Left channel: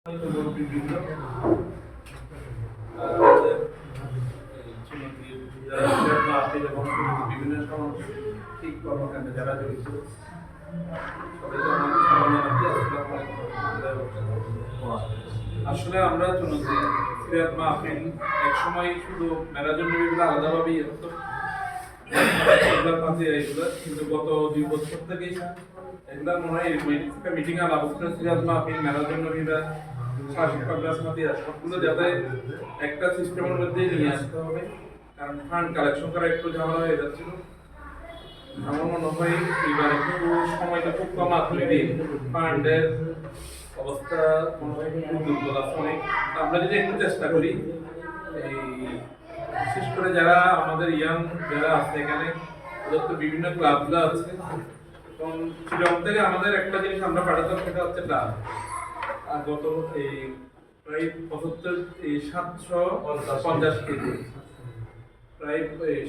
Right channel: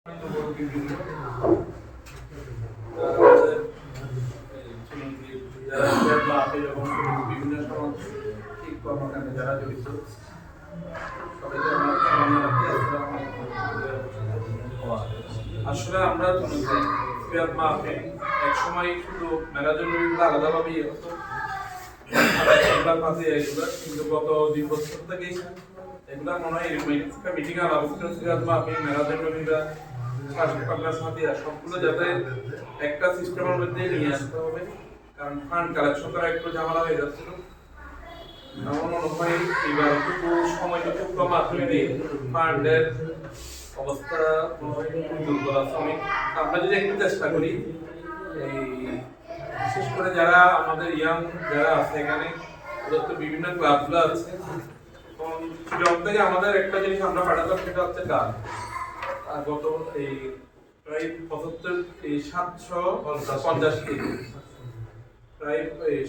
বিভিন্ন সামাজিক কর্মকাণ্ডে যারা জড়িত আসলে আমরা সিরাত মাহফিল এক সময় শুধু মেলার জন্য আলাদাভাবেই হতো, কিন্তু গত 2 বছর থেকে এগুলা মনে হয় একটা মিটিং আলাপ করে সিরাত মাহফিল মেলার জন্য সবগুলো যাতে একটা সিস্টেমের মধ্যে নিয়ে আসতে হবে, কারণ ফান্ড কালেকশন করা একটু ঝামেলা হয়ে যাচ্ছিল। আমার মনে হয় এবার একটু সময়টা খুব কম দিয়ে ফান্ডের অবস্থা মনে হয় দুর্বল আছে অনেক। আমরা যদি একটু চেষ্টা করি, এই বিশেষ করে যারা আমাদের ইয়াং যারা আছে এখানে, ওদের তো বিভিন্ন ক্লাবগুলো আছে। এখন শিলং থেকে আমাদের একটা জিনিস আমরা পাঠাতাম, সেটা হচ্ছে গান। গত এই প্রায় 750 কেজি, প্রায়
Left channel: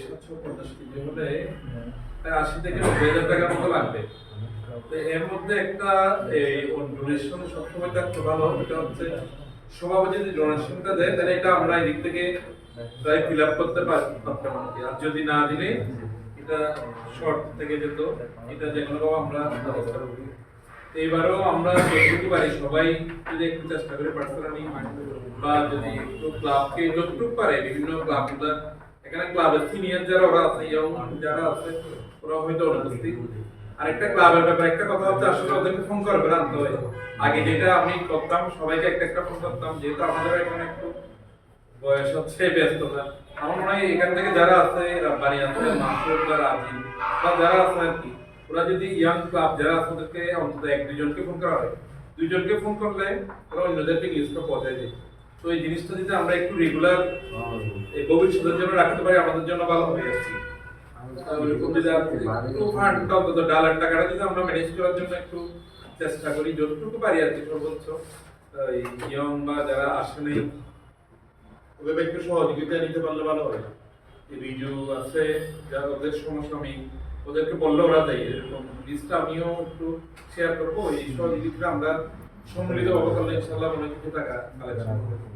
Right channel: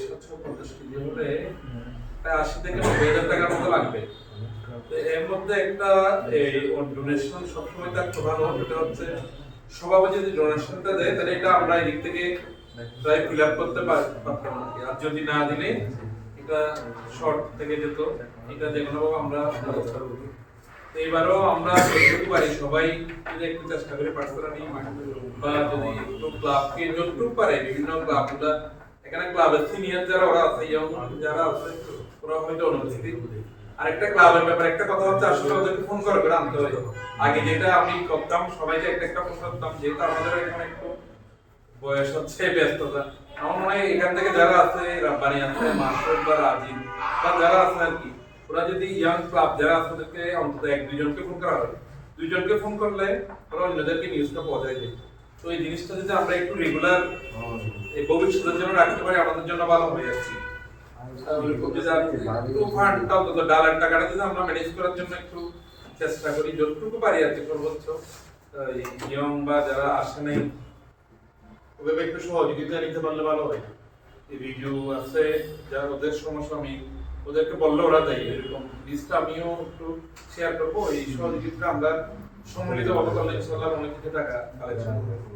750 কেজি হলে প্রায় 80 থেকে 90,000 টাকার মতো লাগবে। তো এর মধ্যে একটা এই ডোনেশন সবসময় থাকতে ভালো, এটা হচ্ছে সভাপতি যদি ডোনেশনটা দেয় তাহলে এটা আমরা এদিক থেকে প্রায় ফিল আপ করতে পারতাম আর কি। আর যদি না দিলে এটা শর্ট থেকে যেত, এটা যেগুলো আমরা ব্যবস্থা করব। এইবারও আমরা যতটুকু পারি সবাই যদি একটু চেষ্টা করে পার্সোনালি বা যদি একটু ক্লাবকে যতটুকু পারে, বিভিন্ন ক্লাবগুলো এখানে ক্লাবের সিনিয়র যারা ওরা আছে, ইয়ং যারা আছে ওরা হয়তো অনুপস্থিত। আর একটা ক্লাবের ব্যাপারে একটা কথা হচ্ছে, আসলে ওদেরকে ফোন করে আনতে হয়। আগে যেটা আমি করতাম, সবাইকে একটা ফোন করতাম, যেহেতু আমাদের এখানে একটু বয়স হচ্ছে, ব্যস্ততা। আমার মনে হয় এখান থেকে যারা আছে, রাব্বানি আছে, মাসুদ বা রাজিব বা যারা আছে আর কি, ওরা যদি ইয়াং ক্লাব যারা আছে ওদেরকে অন্তত 1-2 জনকে ফোন করা হয়, 2 জনকে ফোন করলে ওরা অন্যদেরকে নিউজটা পৌঁছায় দেয়। তো এই জিনিসটা যদি আমরা একটু রেগুলার এই ভবিষ্যতের জন্য রাখতে পারি, আমাদের জন্য ভালো হবে আর কি। ডালার টাকাটা যদি আমরা ম্যানেজ করার জন্য একটু চেষ্টা করি, যতটুকু পারি আর কি, সর্বোচ্চ ইয়ং বা যারা আসে নাই ওভাবে একটু সহযোগিতা নিতে পারলে ভালো হয়। এই ভিডিও আছে যারা, ওদের সমস্যা আমি ওদেরকে বললে ওরা দেয়, এরকম লিস্টটা আমিও একটু শেয়ার করবো। এই সহযোগিতা আমরা সম্মিলিত ভাবে করলে ইনশাআল্লাহ অনেক কিছু টাকা কালেকশন করবো।